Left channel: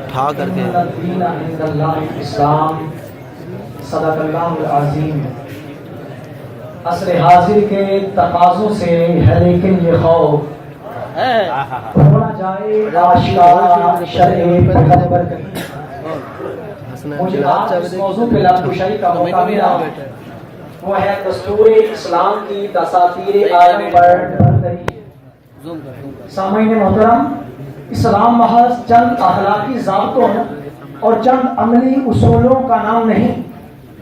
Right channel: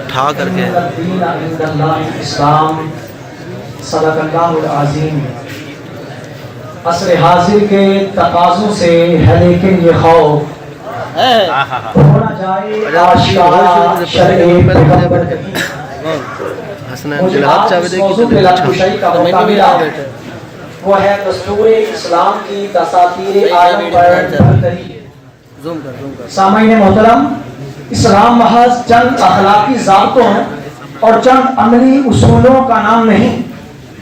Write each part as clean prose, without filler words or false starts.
اٹھا کر کے اسلام صدق اللہ العظیم. عصر حاضر کے تقاضوں سے ہے لیکن یہ خوف ہونا جائے آشکارا شرع پیغمبر کہیں. مجھے آج اس موضوع پہ لفظ کا موقع ملا، وہ ہے دستور اسلام کی دساتیر عالم پر برتری. سامعین محترم، اسلام محض چند اخلاقی ضابطوں اور چند عملی اصولوں کا نام نہیں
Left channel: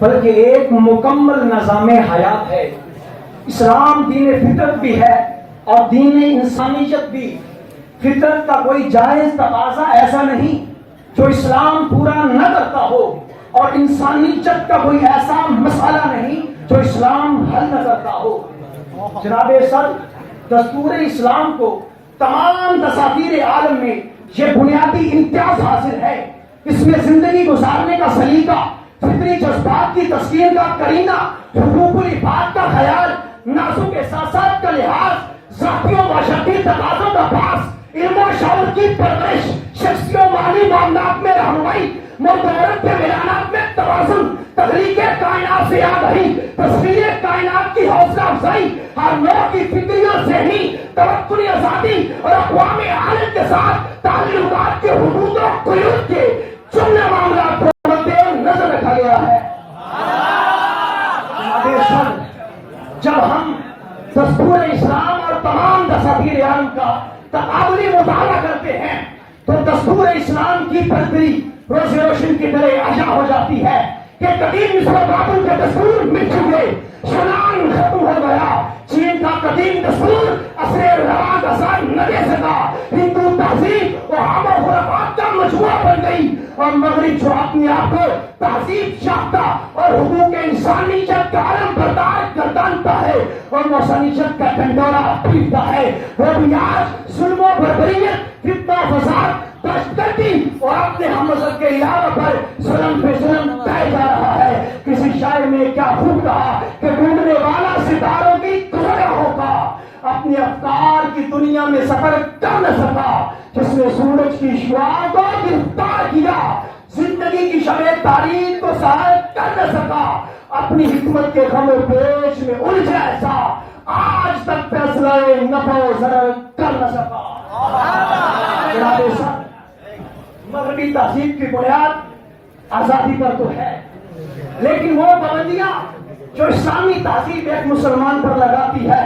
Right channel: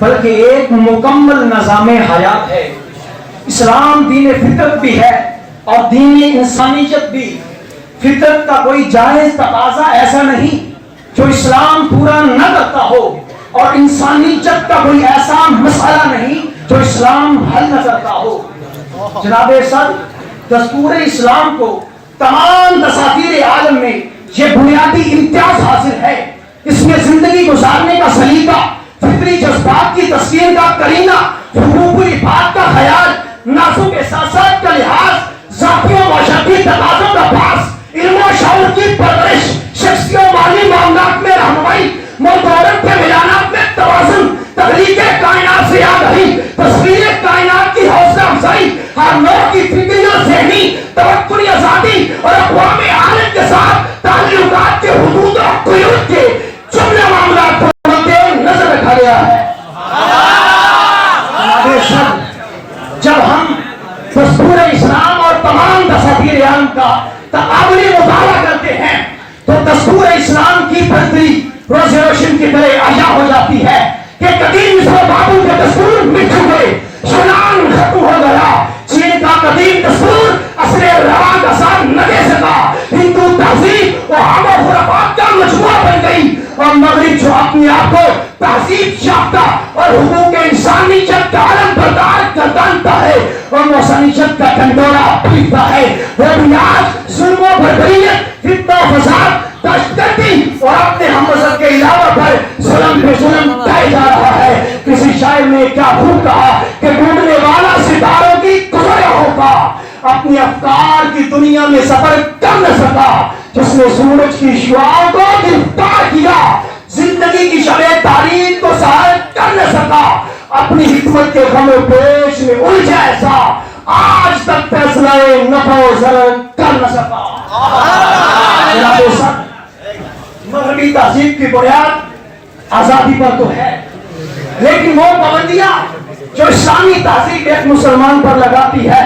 بلکہ ایک مکمل نظام حیات ہے. اسلام دین فطرت بھی ہے اور دین انسانیت بھی. فطرت کا کوئی جائز تقاضا ایسا نہیں جو اسلام پورا نہ کرتا ہو، اور انسانیت کا کوئی ایسا مسئلہ نہیں جو اسلام حل نہ کرتا ہو. جناب صدر، دستور اسلام کو تمام دساتیر عالم میں یہ بنیادی امتیاز حاصل ہے. اس میں زندگی گزارنے کا سلیقہ، فطری جذبات کی تسکین کا کرینہ، حقوق العباد کا خیال، ناسوں کے احساسات کا لحاظ، ذاتی و معاشرتی تقاضوں کا پاس، علم و شعور کی پرورش، شخصی و مالی معاملات میں رہنمائی، مرد و عورت کے میدانات میں توازن، تخلیق کائنات سے آگاہی، تصویر کائنات کی حوصلہ افزائی، ہر نوع کی فکری و ذہنی توقعی آزادی اور اقوام عالم کے ساتھ تعلقات کے حدود و قیود کے جملے معاملات کو مد نظر رکھا گیا ہے. جب ہم دستور اسلام اور تمام دساتیر عالم کا تقابلی مطالعہ کرتے ہیں تو دستور اسلام کی برتری روز روشن کی طرح عیاں ہو جاتی ہے کہ قدیم مصر و بابل کے دستور مٹ چکے، یونان ختم ہو گیا، چین کا قدیم دستور عصر رواں کا ساتھ نہ دے سکا، ہندو تہذیب و عام و خرافات کا مجموعہ بن گئی، اور مغرب جو اپنے آپ کو تہذیب یافتہ اور حقوق انسانیت کا علم بردار گردانتا ہے اور انسانیت کا ڈنڈورا پیٹتا ہے، وہ بھی آج ظلم و بربریت، فتنہ و فساد، دہشتگردی اور اپنے ہم مذہب کے علاوہ پر ظلم پہ ظلم ڈھائے جا رہا ہے. کسی شاعر نے کیا خوب کہا کہ ڈھونڈنے والا ستاروں کی گزریا ہوگا، اپنی افکار کی دنیا میں سفر کر نہ سکا. جس نے سورج کی شعاعوں کو گرفتار کیا، زندگی کی شب تاریخ کو سہر کر نہ سکا، اپنی حکمت کے غم و پیش میں الجھا ایسا، آج تک فیصلہ نفع و ضرر کر نہ سکا. مغربی تہذیب کی بنیاد آزادی پر تو ہے، لیکن وہ پابندیاں جو اسلامی تہذیب ایک مسلمان پر لگاتی ہے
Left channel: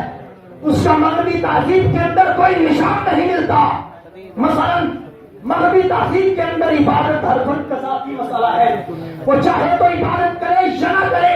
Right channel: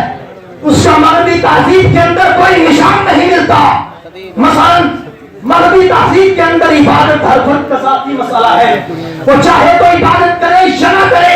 اس کا مغربی تہذیب کے اندر کوئی نشان نہیں ملتا. مثلا مغربی تہذیب کے اندر عبادت ہر فرد کا ذاتی مسئلہ ہے، وہ چاہے تو عبادت کرے یا نہ کرے،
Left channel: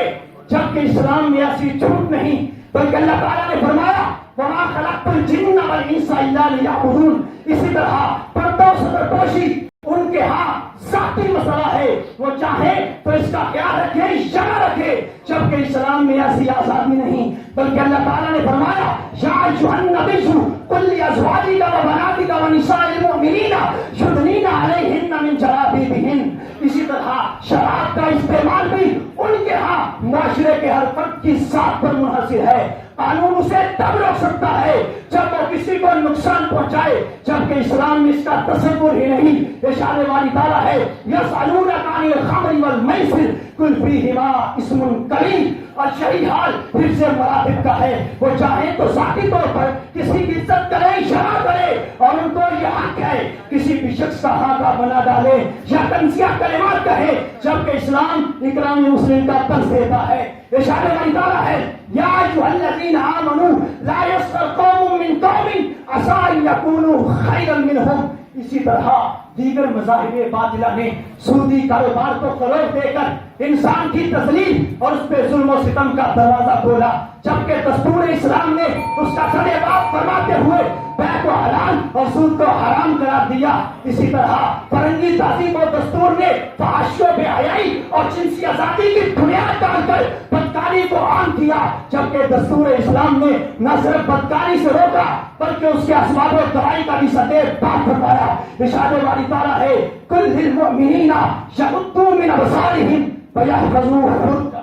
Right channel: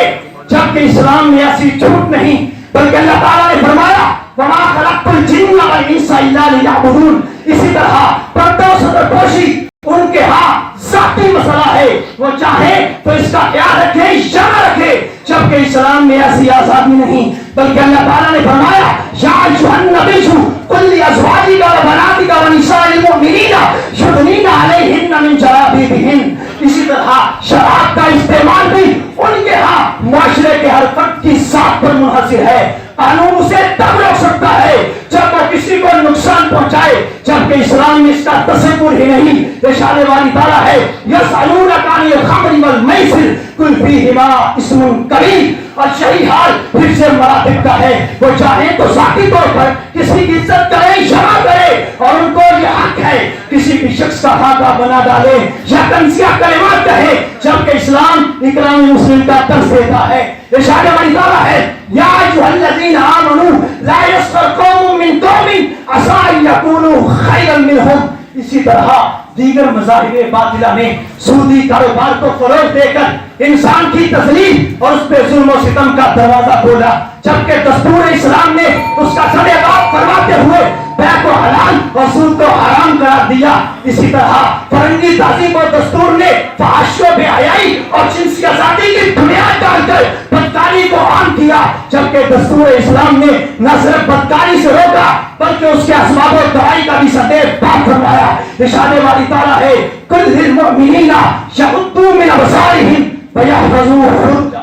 جبکہ اسلام میں ایسی چھوٹ نہیں، بلکہ اللہ تعالیٰ نے فرمایا وَمَا خَلَقْتُ الْجِنَّ وَالْإِنسَ إِلَّا لِيَعْبُدُونَ. اسی طرح پردہ و سطرپوشی ان کے ہاں ذاتی مسئلہ ہے، وہ چاہے تو اس کا خیال رکھے یا نہ رکھے، جبکہ اسلام میں ایسی آزادی نہیں، بلکہ اللہ تعالیٰ نے فرمایا یا ایھا النبی قل لأزواجک وبناتک ونساء المؤمنین یدنین علیہن من جلابیبہن. اسی طرح شراب کا استعمال بھی ان کے ہاں معاشرے کے ہر فرد کی ذات پر منحصر ہے. قانون اسے تب روک سکتا ہے جب وہ کسی کو نقصان پہنچائے، جبکہ اسلام میں اس کا تصور ہی نہیں. ارشاد والی تعالیٰ ہے یسألونک عن الخمر والمیسر قل فیہما اسم کبیر. اور یہی حال حفظ مراتب کا ہے، وہ چاہے تو ذاتی طور پر کسی کی عزت کرے یا نہ کرے، اور ان کو یہ حق ہے کسی بھی شخص کا خاکہ بنا ڈالے یا تنزیہ کلمات کہے، جبکہ اسلام اکرام مسلم کا درس دیتا ہے. ارشاد والی تعالیٰ ہے یا ایھا الذین آمنوا لا یسخر قوم من قوم عسیٰ ان یکونوا خیرا منہم. اسی طرح دیگر مذاہب باطلہ نے سودی کاروبار کو فروغ دے کر انسان کی تذلیل اور اس پہ ظلم و ستم کا دروازہ کھولا، جبکہ دستور اسلام نے اس کا سر عقاب کرواتے ہوئے بیع کو حلال اور سود کو حرام قرار دیا. اسی طرح فرنگی تہذیب اور دستور نے فحش و بے حیائی اور جنسی آزادی کی بنیاد ڈال کر بدکاری کو عام کیا، جبکہ دستور اسلام نے نہ صرف بدکاری سے روکا بلکہ اس کے اسباب و دوائی کا بھی سطح پاک فرمایا. ارشاد والی تعالیٰ ہے قل للمؤمنین یغضوا من ابصارہم ویحفظوا فروجہم.